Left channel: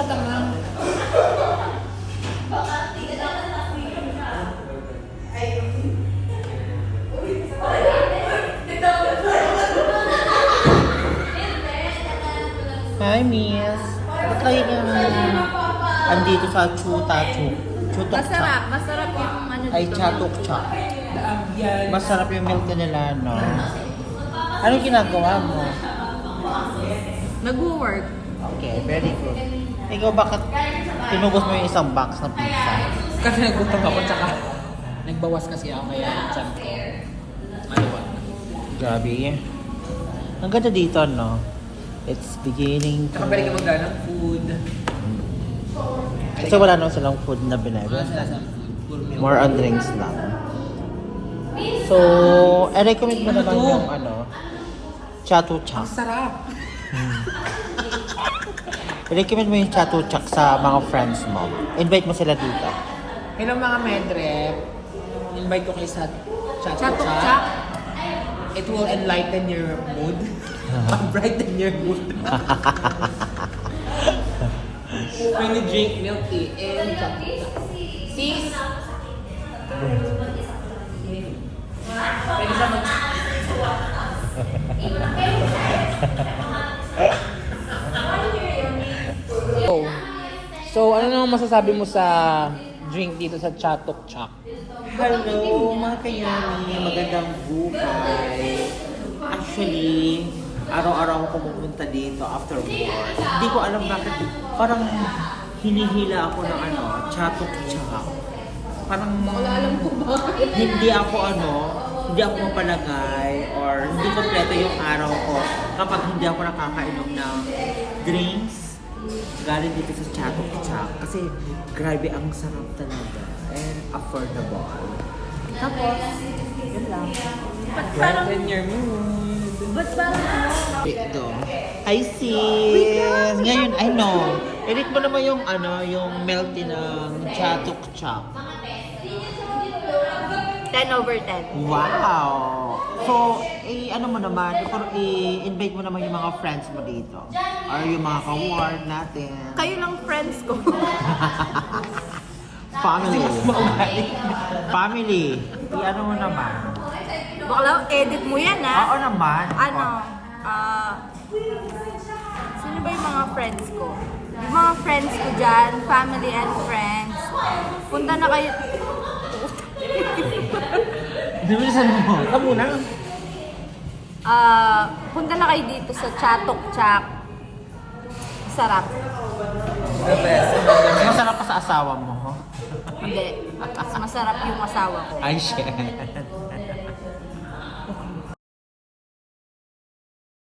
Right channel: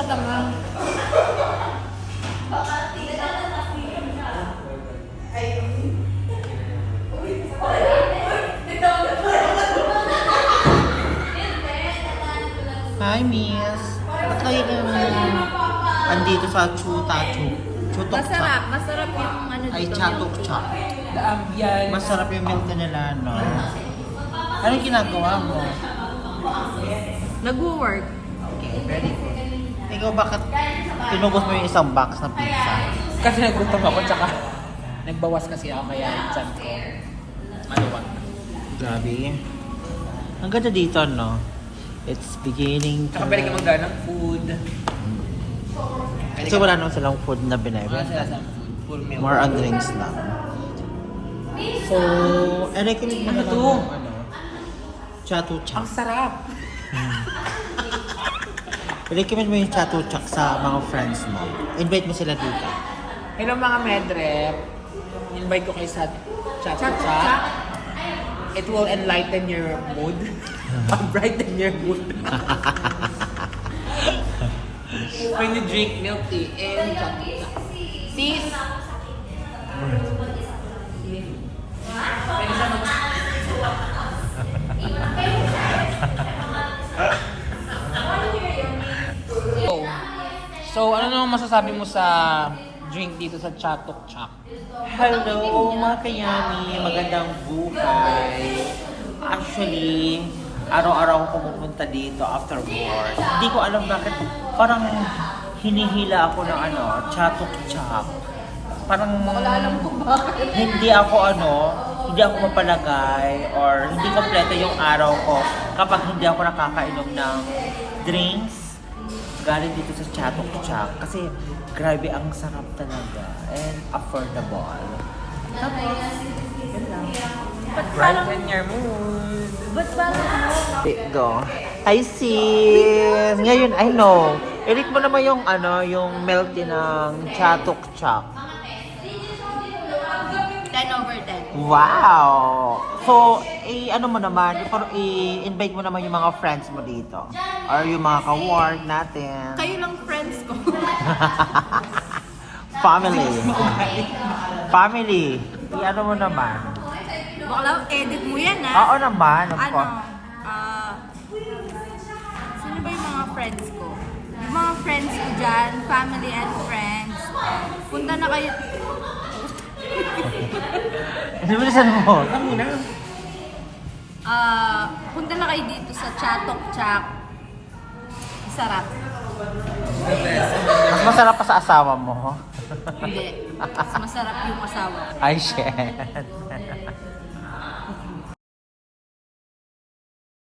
sa tamang. Hi, miss. Ba't kayo andito sa chuta? Chutok Masarap. Masarap yung ano dito. Ay, chatok cha. The ambience. Masarap yung milk nila, no? Ano yung ginagawa mo? Nag-work. Okay, very good. Ikaw, bakit tinubos mo yung isang box ng pizza? Kasi nagutom ako, tsaka nagbawas kasi ako kaya yung chan ko. Maluwag. Grabe. Ang ganda dito, no? It's beginning to... Tsaka pwede ka magdala ng food. Kasi wala naman silang food na binebe. Wala sila sa food. Full meal. More on drinks lang. So, recommend mo na lang Ano to? yung ano, chatuchak. Ang sarap. Recommend mo yung chatuchak sa mga friends mo. Invite mo sila dito. Hello mga medrep. Invite ko kayo sa chat Chatok chat. chak. It will enlighten your mood. Brighten your mood. When you drink milk tea and chatok chak. Sis. Pwede siya So, ano naman masasabi mo sa drink dito sa Chatok Chak? Hello mga kayami, magandang buhay. Actually, araw-araw ako pumupunta dito after work. Hindi ko alam bakit parang hinihila ako ng ano, chatok chak. Parang hindi ako hindi ako mapalagay or hindi kompleto yung araw ko kapag hindi ako nakakainom ng drinks galing dito sa Chatok Chak kasi grabe ang sarap talaga and affordable. Tapos, yun lang. Ba't parang... Brighten your mood. Ba't parang... Go. Hi sis! Ngayon, I know. Edit mo naman yung yung melty ng Chatok Chak. 10 over 10. Wow! So, ano mo naman, i-invite mo naman yung mga friends mo dito. Or yung mga ka-ward natin. Kayo lang friends ko. Family. Family. Ano mo naman? Bakla, edit mo yan Oo naman. Ano? Sino ba yung mga friends ko? Yung mga friends ko dyan, family and friends. Punta na kayo. Bilisan mo. Kamo na. Punta na kayo dito sa Chatok Chak. Sarap. The best. Masarap pa sa asawa mo. Hindi. Mas masarap yung asawa ko. Ay, shit.